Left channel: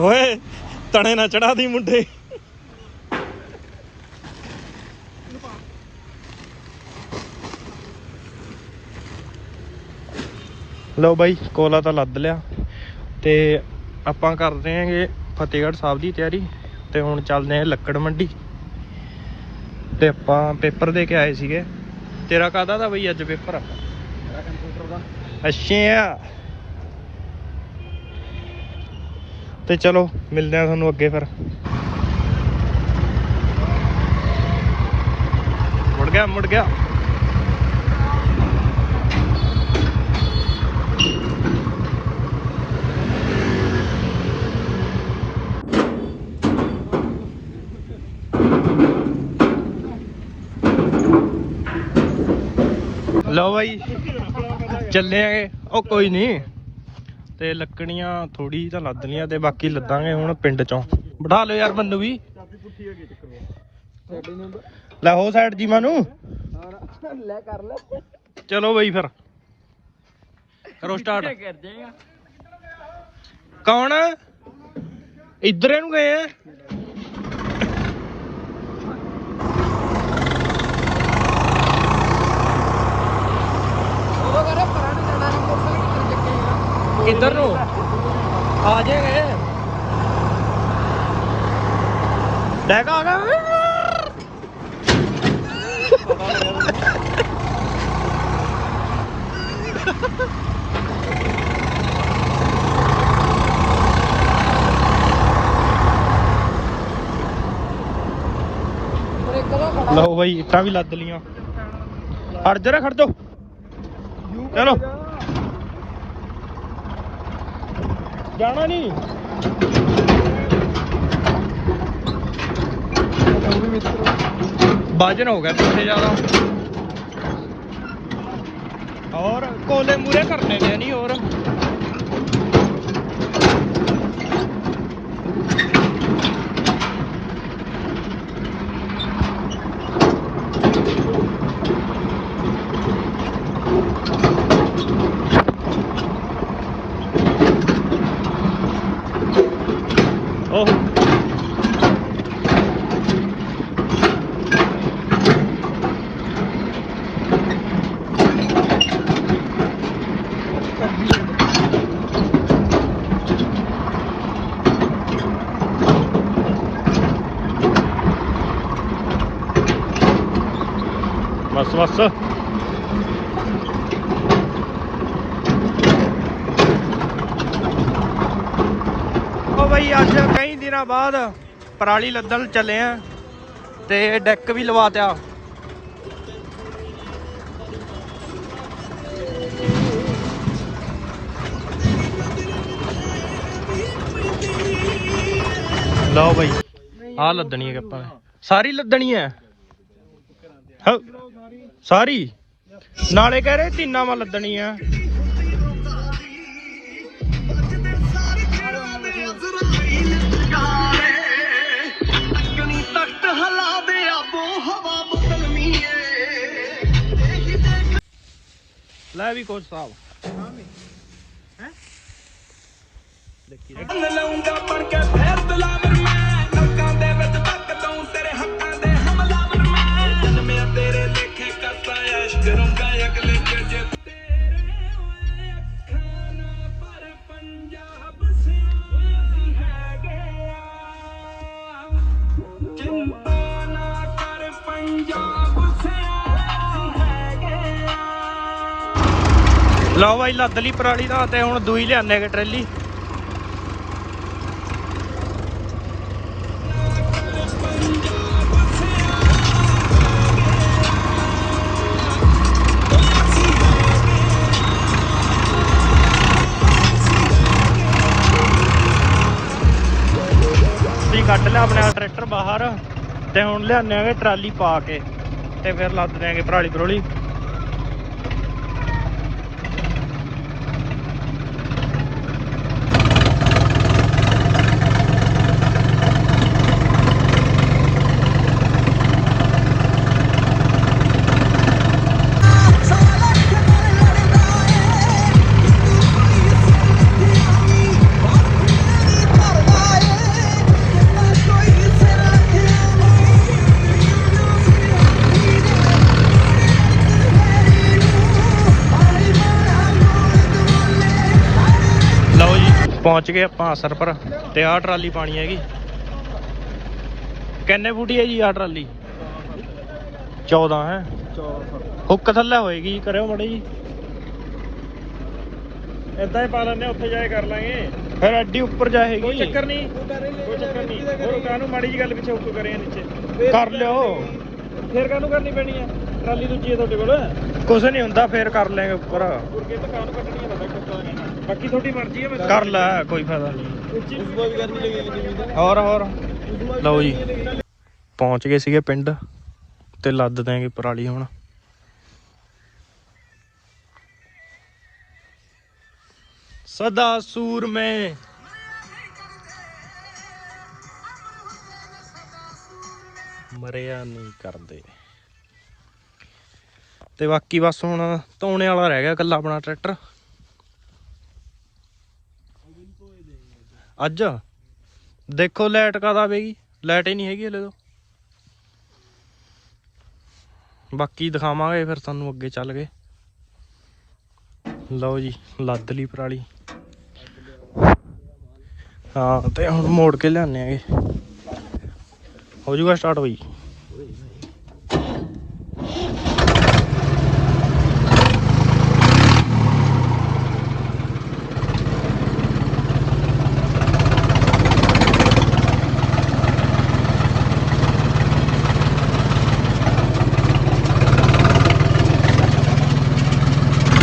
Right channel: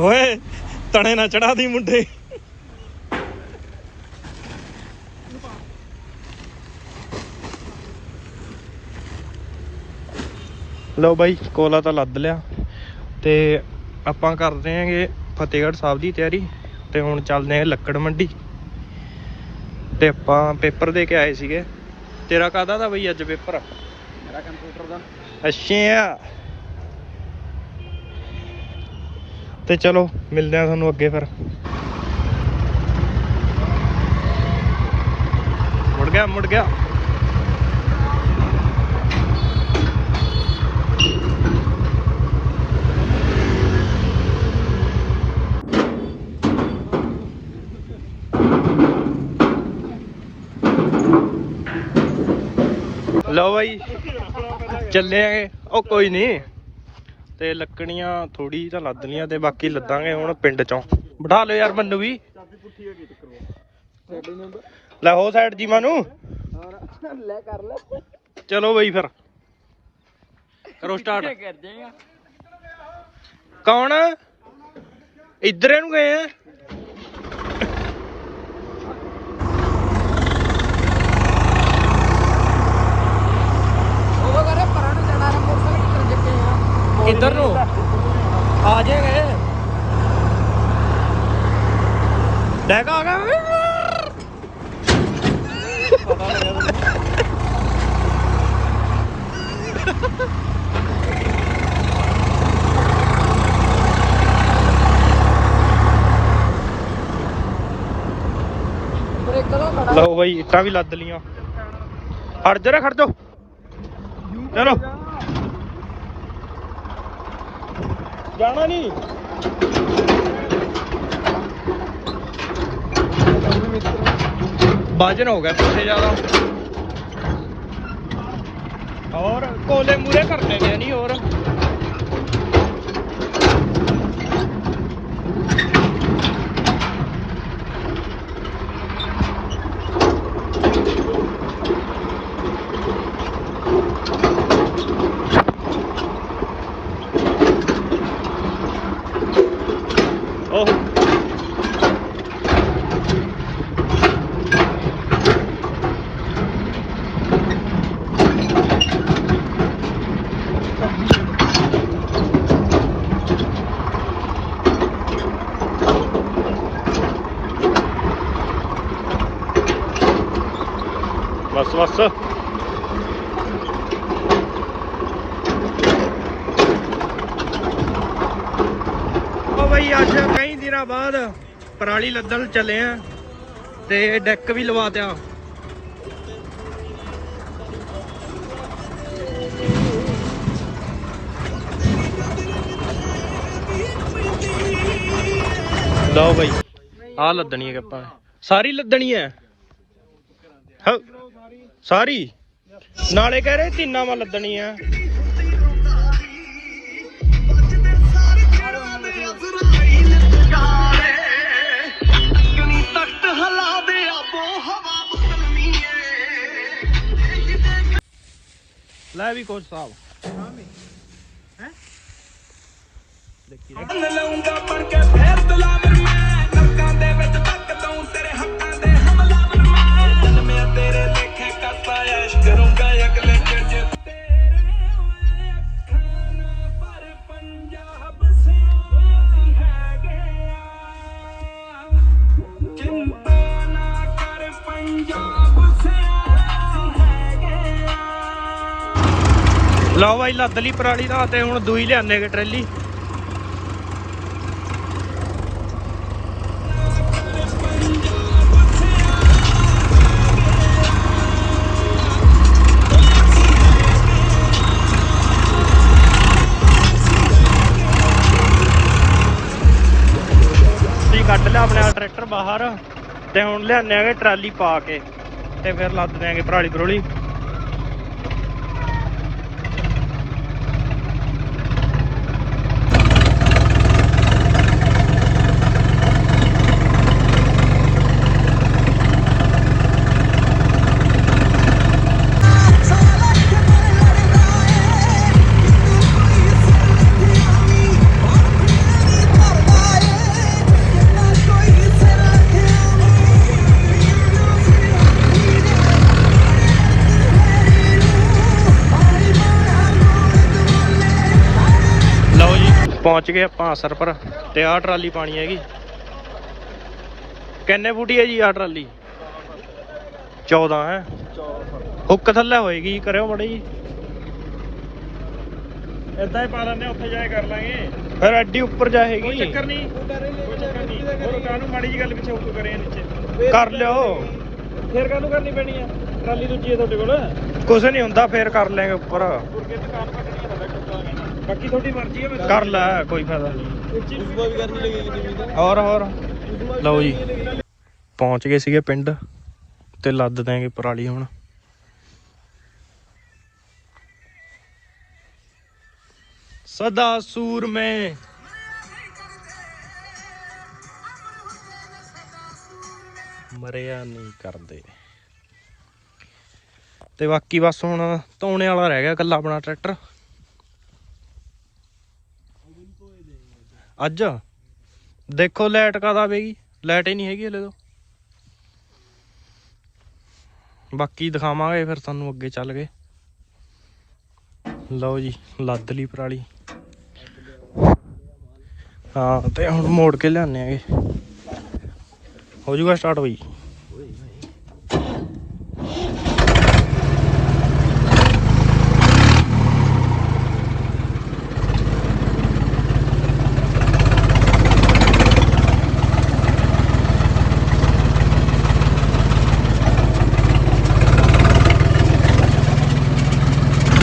ਓਏ ਤਣੇ ਨਾ ਚੜਾ ਦੀ ਮੁੰਡੇ। ਲਓ ਬਾਈ, ਕੋਲਾ ਤਾਂ ਲੱਦ ਲਿਆ। ਤੇ ਆਪਾਂ ਕਰਦੇ ਆਂਗੇ ਫਤਿਹਗੜ੍ਹ ਸਾਹਿਬ ਦੀ ਤਿਆਰੀ, ਤੇ ਹੁਣ ਚੱਲਦੇ ਹਾਂ ਲੱਕੜ ਮੰਡੀ। ਤੇ ਆਪਾਂ ਪੇਪਰ ਦੇ ਕੇ ਆਏ ਸੀਗੇ। ਤੇਰਾ ਕਾਹਦਾ ਦਾ ਬਈ ਅੱਜ ਪੇਪਰ? ਅੱਛਾ ਤੇ ਚਲੋ, ਮਿਲਦੇ ਆ ਤੁਹਾਨੂੰ ਅੱਗੇ ਫਿਰ। ਮੁੜ ਗਿਆ ਮੁੜ ਗਿਆ। ਲਓ ਬਾਈ, ਚੱਲੇ ਆਗੇ। ਉਹ ਕੋਈ ਨਹੀਂ ਤੇ ਲੱਕੜੀਆਂ ਥੋੜੀ ਤਾਂ ਲੱਦ ਲੀਆਂ ਤੇ ਬਾਕੀ ਲੱਦਾਂਗੇ ਹੁਣ ਪਿੰਡ ਚੋਂ। ਬਿਠਾ ਲਓ ਯਾਰ ਮੈਨੂੰ ਵੀ। ਲੈ ਹੋ ਸਾਈਡ ਜੀ ਮਾਨੂੰ। ਲੈ ਕਰ ਲੈ ਚਲੋ ਬਈ ਫਿਰ। ਕਰੋ ਸਟਾਰਟ ਕੌਣ ਆ? ਇੱਧਰੇ ਨੂੰ ਗਏ ਆ ਉਹ ਕਹਿੰਦਾ ਪਰਾਂ ਨੂੰ ਜਾਣਾ ਨੇ ਮੋਟਰਸਾਈਕਲ ਕਿੱਧਰ ਡਿੱਗੇ ਆ ਕਿੱਧਰ ਨੂੰ? ਆ ਜਾਏਗੇ ਡੈਗਾ ਆ ਗਿਆ ਲਓ ਬਾਈ ਇੱਟਾਂ ਵੀ ਲੱਦ ਲੀਆਂ ਹਟ ਜਰਾ ਖੜ ਜਾਓ। ਚਲੋ। ਜਾਣਾ ਨਹੀਂ। ਬਾਜਨ ਹੋ ਗਿਆ ਪਿੱਛੇ ਜ਼ਿਆਦਾ। ਔਰ ਕੋਲੇ ਮੂਰੇ ਕਰਨੇ ਨੇ ਨਹੀਂ ਹੋਰ ਉਹ ਬਸ ਉਹ ਬਈ ਅੱਜ ਕਈ ਦਿਨਾਂ ਬਾਅਦ ਪਰਾਲੀ ਲੱਦਣ ਚੱਲੇ ਆ ਤੇ ਡੈਕ ਵੀ ਲਵਾ ਤਿਆ। ਲਓ ਬਈ ਆ ਲੱਦਣੀ ਹੈ ਆਪਾਂ। ਸਾਰੀ ਲੱਦਣੀ ਹੈ। ਹਾਂ ਸਾਰੀ? ਨਾਲੇ ਕਹਿ ਰਹੇ ਤਿੰਨਾਂ ਵਾ ਲੱਦਣੀ ਆ। ਲੈ ਵੀ ਕੋਚ ਸਾਹਿਬ ਲਾਉਂਗਾ ਪਰ ਕੇ ਲਓ ਬਾਈ, ਲੱਦ ਲਈ ਪਰਾਲੀ ਦਾ ਤੇ ਹੁਣ ਦੂਈ ਲਿਆਨੇਗੇ ਟਰੈਲੀ। ਤੁਸੀਂ ਕੱਢ ਲਿਆ ਆਪਣਾ ਟਰੈਕਟਰ ਬਾਹਰ ਤੇ ਹੁਣ ਲਿਆਨੇ ਆਗੇ ਟਰਾਲੀ ਪਾ ਕੇ ਤੇ ਫਿਰ ਲੱਦ ਦਿਆਂਗੇ ਪਰਾਲੀ ਪਰੋਲੀ। ਪਹੁੰਚ ਗਏ ਆਪਾਂ ਅਸਰ ਪਰ ਤੇ ਆਹ ਟਰਾਲੀ ਪਾਣੀ ਹੈਗੀ। ਕਿੰਨੇ ਫੁੱਟੀ ਹੈ ਜੀ ਆਹ ਟਰਾਲੀ? 14 ਹੈ? ਹੁੱਕ ਥੱਲੇ ਹੋਏਗੀ ਕਰਿਓ ਮੜੀ ਜੀ। ਇਦਾਂ ਹੀ ਪਾ ਲੈਂਦੇ ਉੱਥੇ ਜਾ ਕੇ ਕਰ ਲਾਂਗੇ। ਫਿਰ ਐਡੀ ਉੱਪਰ ਜਾਏਗੀ ਕੋਈ ਚੱਕਰ ਨਹੀਂ ਕੋਈ ਚੱਕਰ ਨਹੀਂ। ਗੁਰੂ ਕਾਨੂੰ ਮਾੜੀ ਜੀ ਗੱਲ ਪਿੱਛੇ ਉੱਕ ਕਰੇ ਨੀਚੇ। ਕਰ ਲਿਓ। ਫੇਰ ਕਾਨੂੰ ਕਰਨੀ ਪੈਣੀ ਹੈ ਟਰਾਲੀ ਦੂਜੀ ਹੈ ਤੁਹਾਡੇ ਕੋਲ। ਕੁਝ ਨਹੀਂ ਹੁੰਦਾ ਫੇਰ ਕਰ ਲੈਂਗੇ ਉੱਪਰ। ਗੁਰਕੇ ਤਾਂ ਕਾਨੂੰ ਕੱਢਣੀ ਬਾਕੀ ਤੁਹਾਡੀ ਮਰਜ਼ੀ ਹੈ ਬਸ ਕਰ ਲੈ, ਕੋਈ ਫਾਇਦਾ ਹੋਰ ਹੋਰ। ਲਓ ਜੀ। ਪਹੁੰਚ ਗਏ ਸੀਗੇ ਪਿੰਡ ਤੇ ਲੱਦ ਦੇਂਗੇ ਪਰਾਲੀ ਹੁਣ। ਸਦਾ ਸੂਰ ਮੈਂ। ਮਰਿਆ ਨਹੀਂ ਕਰਦੇ। ਤੇ ਬਾਕੀ ਬਸ ਹੁਣ ਧੋਣੇ ਵਾਲਾ ਰਹਿ ਗਿਆ ਕੱਲਾ ਆਪਣਾ ਟਰੈਕਟਰ। ਅੱਜ? ਦੇਖੋ ਲਾਈਟ ਕਾਦਾ ਬਈ ਲਾਈਟ ਹੀ ਨਹੀਂ ਹੈਗੀ ਹਲੇ ਤੋਂ। ਬਾਕੀ ਦਿਖਾਵਾਂਗੇ ਫਿਰ ਤੁਹਾਨੂੰ ਅੱਗੇ ਚੱਲ ਕੇ। ਲਓ ਜੀ, ਲੱਦ ਲਈ ਪਰਾਲੀ। ਹਾਂ, ਤੇ ਹੁਣ ਮੋੜ ਕੇ ਲਿਆਨੇ ਆਗੇ ਹੋ ਜੂਗਾ ਸਟਾਰਟ ਬਈ।